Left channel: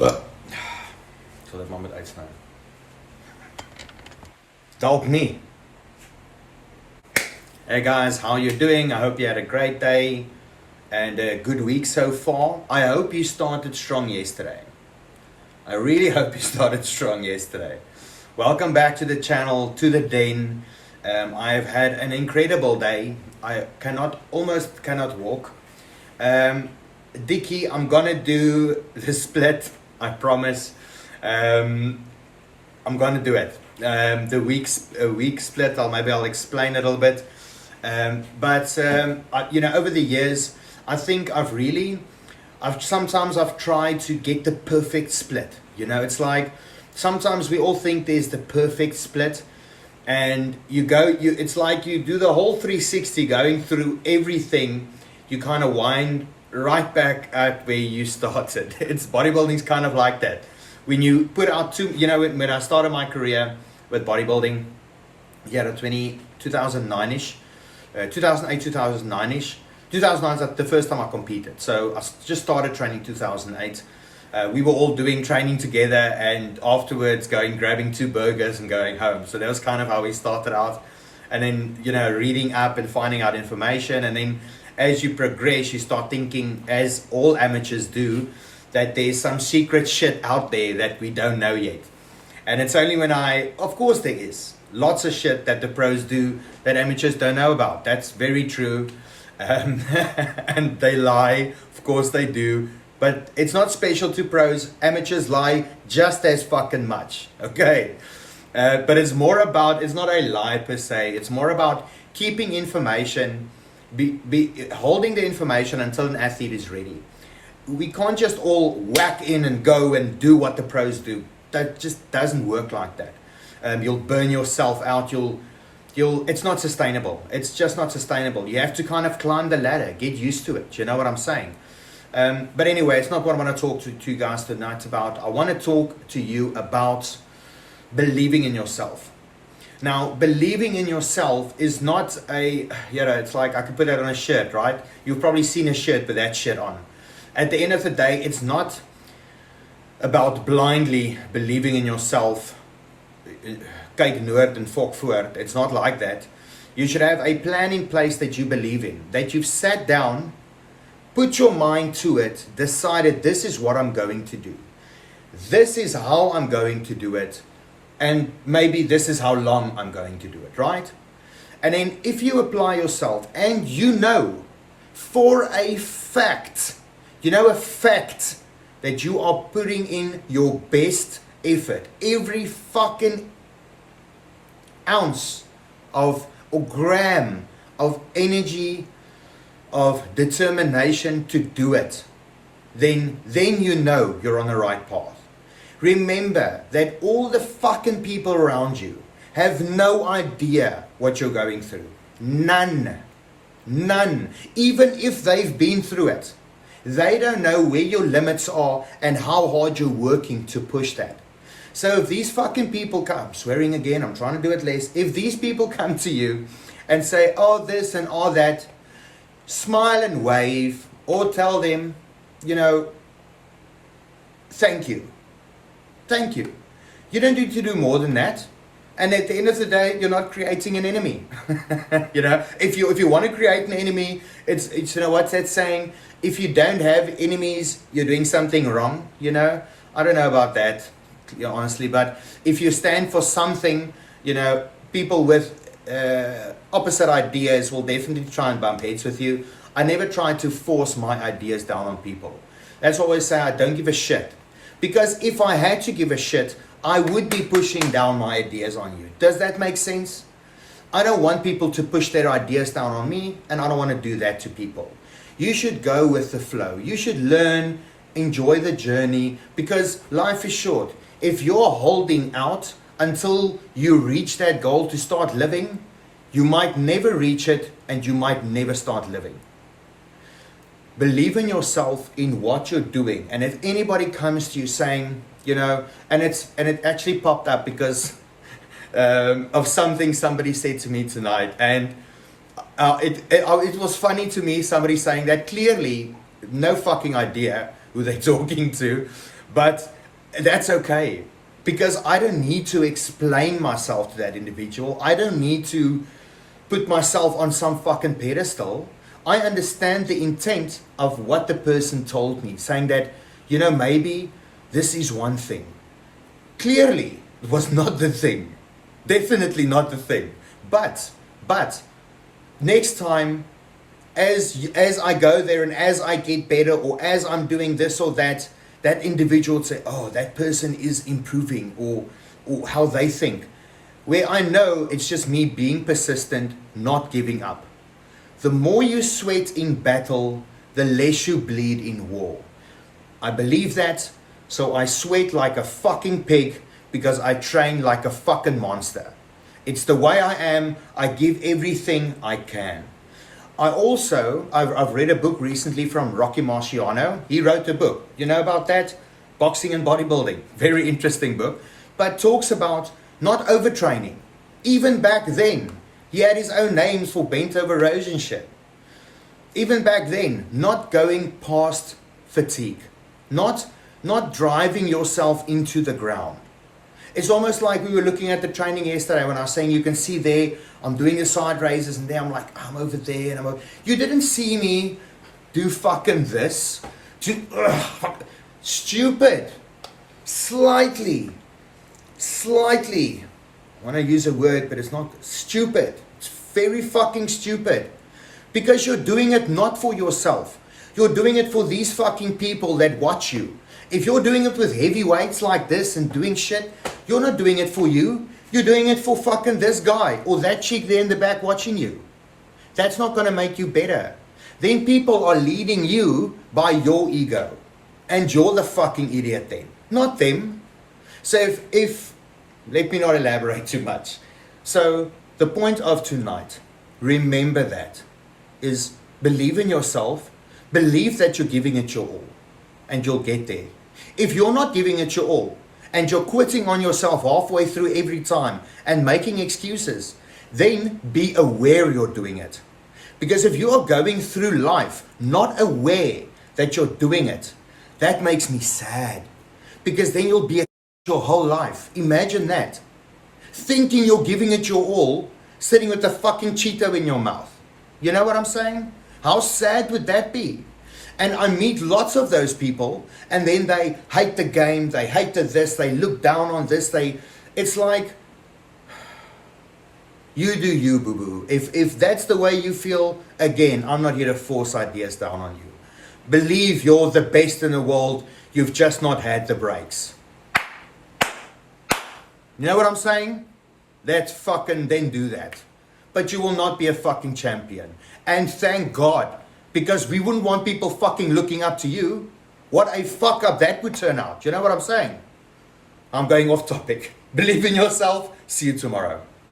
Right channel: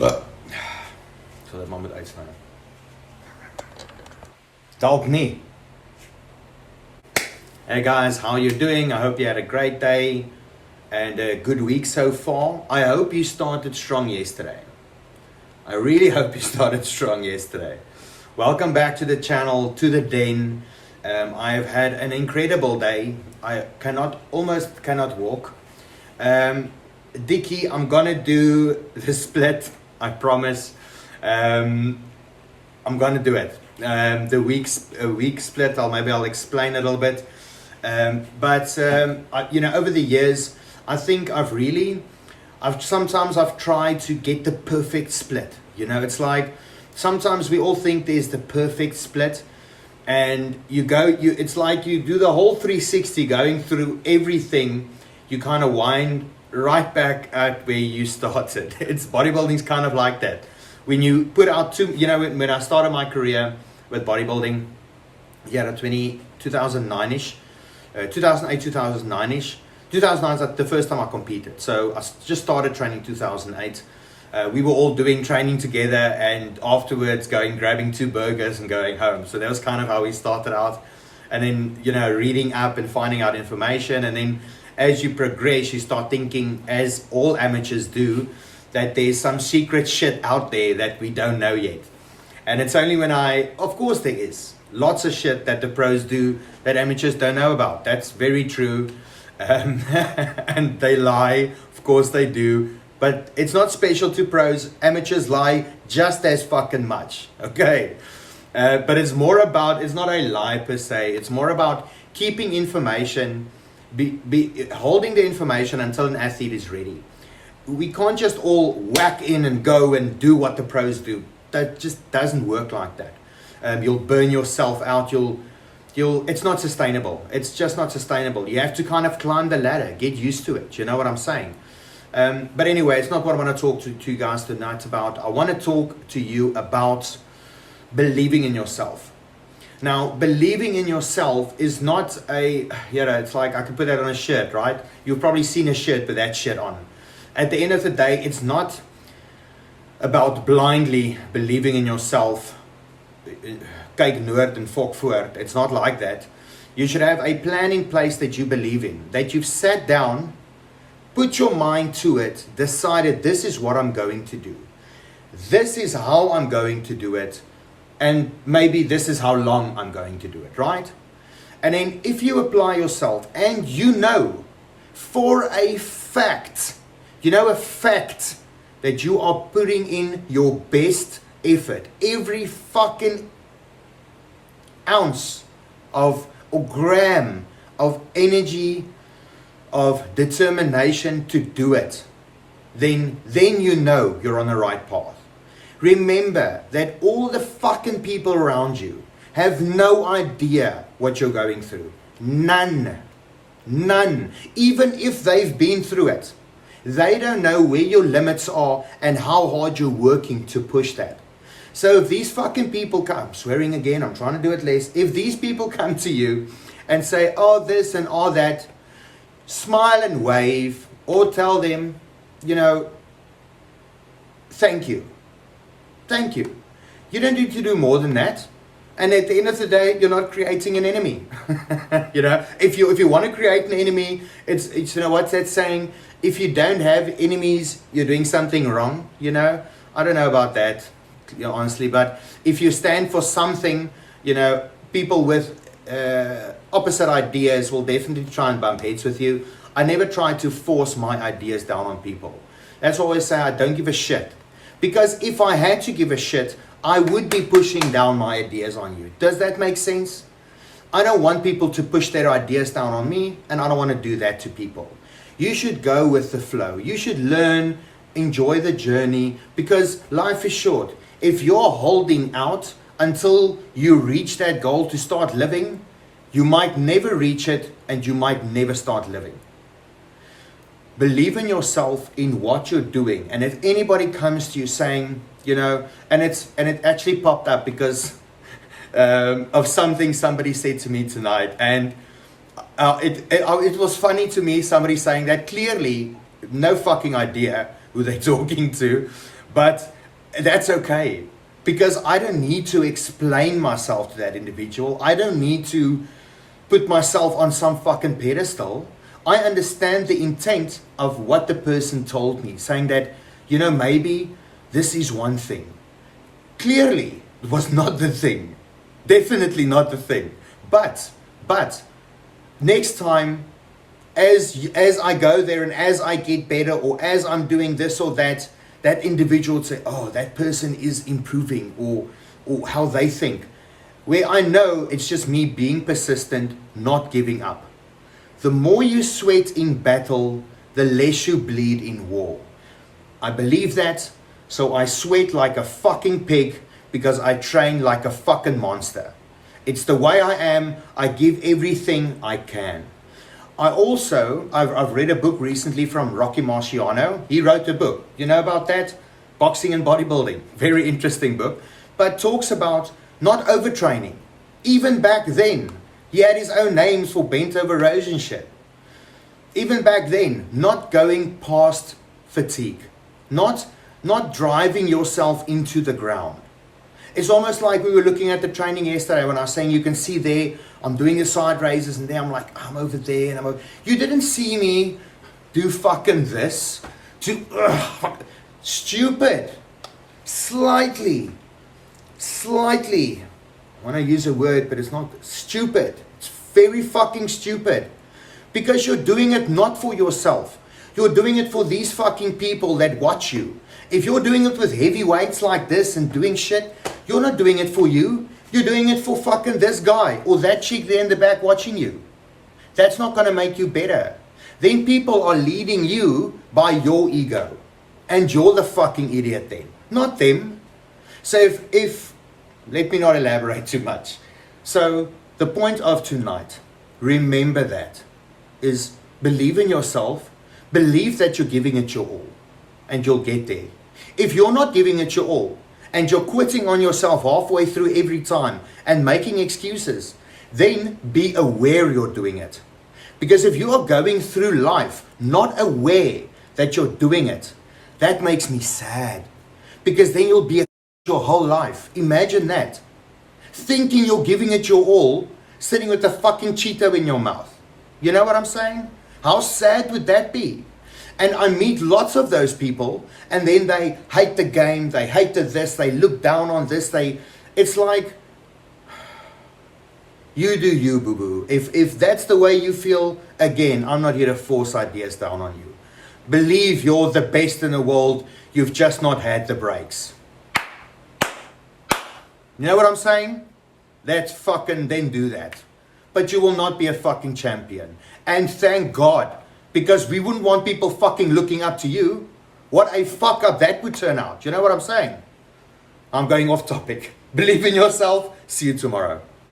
So dat maar moet uitsnij. Dalk nie. Hey guys, how you doing? I hope you had a great day and a good week so far. I hope you started strong yesterday. I really hope you started strong yesterday. Welcome back to the channel, to the den. I have had an incredible day. I almost cannot walk. Dickie, I'm gonna do the split, I promise. I'm gonna do it. The week split, maybe I'll explain a little bit. But over the years, I think sometimes I've tried to get the perfect split. It's like sometimes we all think there's the perfect split, and it's like you do the whole 360 going through everything. You kind of wind right back at where you started. Bodybuilding's kind of like that. When you put out when I started my career with bodybuilding, 2009-ish, 2008, 2009-ish. 2009 is the first time I competed. So I just started training 2008. We were all doing training together, and afterwards grabbing 2 burgers and going home. So that was kind of how we started out. And then, reading up and finding out information. And then as you progress, you start thinking, as all amateurs do, that there's some secret shit out there that we don't know yet. And it's only of course there is lots of shit that the pros do that amateurs don't know about. That's very true. And they lie, of course they do. But it's not special to pros. Amateurs lie just as fucking much. Okay. But it's not a lie per se. It's more about keeping information, holding the information until an athlete is ready. We can't just all whack in and go and do what the pros do. That just doesn't work like that. You'll burn yourself out. It's not sustainable. It's just not sustainable. You have to kind of climb the ladder, get used to it. You know what I'm saying? But anyway, it's not what I want to talk to you guys tonight about. I want to talk to you about believing in yourself. Now, believing in yourself is not it's like I could put that on a shirt, right? You've probably seen a shirt with that shit on. At the end of the day, it's not about blindly believing in yourself. Kyk noord en fok voort. It's not like that. You should have a plan in place that you believe in, that you've sat down, put your mind to it, decided this is what I'm going to do. This is how I'm going to do it. And maybe this is how long I'm going to do it, right? And then if you apply yourself and for a fact, that you are putting in your best effort, every fucking ounce or gram of energy, of determination to do it, then you're on the right path. Remember that all the fucking people around you have no idea what you're going through. None. Even if they've been through it. They don't know where your limits are and how hard you're working to push that. So if these fucking people come, swearing again, I'm trying to do it less. If these people come to you and say, oh, this and all that, smile and wave, or tell them, thank you. Thank you. You don't need to do more than that. And at the end of the day, you're not creating an enemy. If you want to create an enemy, it's what's that saying? If you don't have enemies, you're doing something wrong. I don't know about that, honestly. But if you stand for something, people with opposite ideas will definitely try and bump heads with you. I never try to force my ideas down on people. That's why I always say I don't give a shit. Because if I had to give a shit, I would be pushing down my ideas on you. Does that make sense? I don't want people to push their ideas down on me, and I don't want to do that to people. You should go with the flow. You should learn, enjoy the journey, because life is short. If you're holding out until you reach that goal to start living, you might never reach it, and you might never start living. Believe in yourself, in what you're doing. And if anybody comes to you saying, and it actually popped up because of something somebody said to me tonight, and it was funny to me, somebody saying that clearly no fucking idea who they're talking to, But that's okay, because I don't need to explain myself to that individual. I don't need to put myself on some fucking pedestal. I understand the intent of what the person told me, saying that, maybe this is one thing. Clearly, it was not the thing. Definitely not the thing. But next time, as I go there and as I get better, or as I'm doing this or that, that individual would say, oh, that person is improving, or how they think. Where I know it's just me being persistent, not giving up. The more you sweat in battle, the less you bleed in war. I believe that, so I sweat like a fucking pig, because I train like a fucking monster. It's the way I am. I give everything I can. I've read a book recently from Rocky Marciano. He wrote a book. You know about that? Boxing and Bodybuilding. Very interesting book. But talks about not overtraining. Even back then, he had his own names for bent over rows and shit. Even back then, not going past fatigue. Not driving yourself into the ground. It's almost like we were looking at the training yesterday when I was saying, you can see there, I'm doing the side raises, and there I'm like, I'm over there, and you didn't see me do fucking this. Stupid. Slightly. I want to use a word, but it's not stupid. It's very fucking stupid. Because you're doing it not for yourself. You're doing it for these fucking people that watch you. If you're doing it with heavy weights like this and doing shit, you're not doing it for you. You're doing it for fucking this guy or that chick there in the back watching you. That's not going to make you better. Then people are leading you by your ego. And you're the fucking idiot then, not them. So if let me not elaborate too much. So the point of tonight, remember that, is believe in yourself. Believe that you're giving it your all. And you'll get there. If you're not giving it your all, and you're quitting on yourself halfway through every time and making excuses, then be aware you're doing it. Because if you are going through life not aware that you're doing it, that makes me sad. Because then you'll be your whole life. Imagine that. Thinking you're giving it your all, sitting with a fucking Cheeto in your mouth. You know what I'm saying? How sad would that be? And I meet lots of those people, and then they hate the game, they hate this, they look down on this, it's like, you do you, boo-boo. If that's the way you feel, again, I'm not here to force ideas down on you. Believe you're the best in the world, you've just not had the breaks. You know what I'm saying? That's fucking, then do that. But you will not be a fucking champion. And thank God. Because we wouldn't want people fucking looking up to you. What a fuck up that would turn out. You know what I'm saying? I'm going off topic. Believe in yourself. See you tomorrow.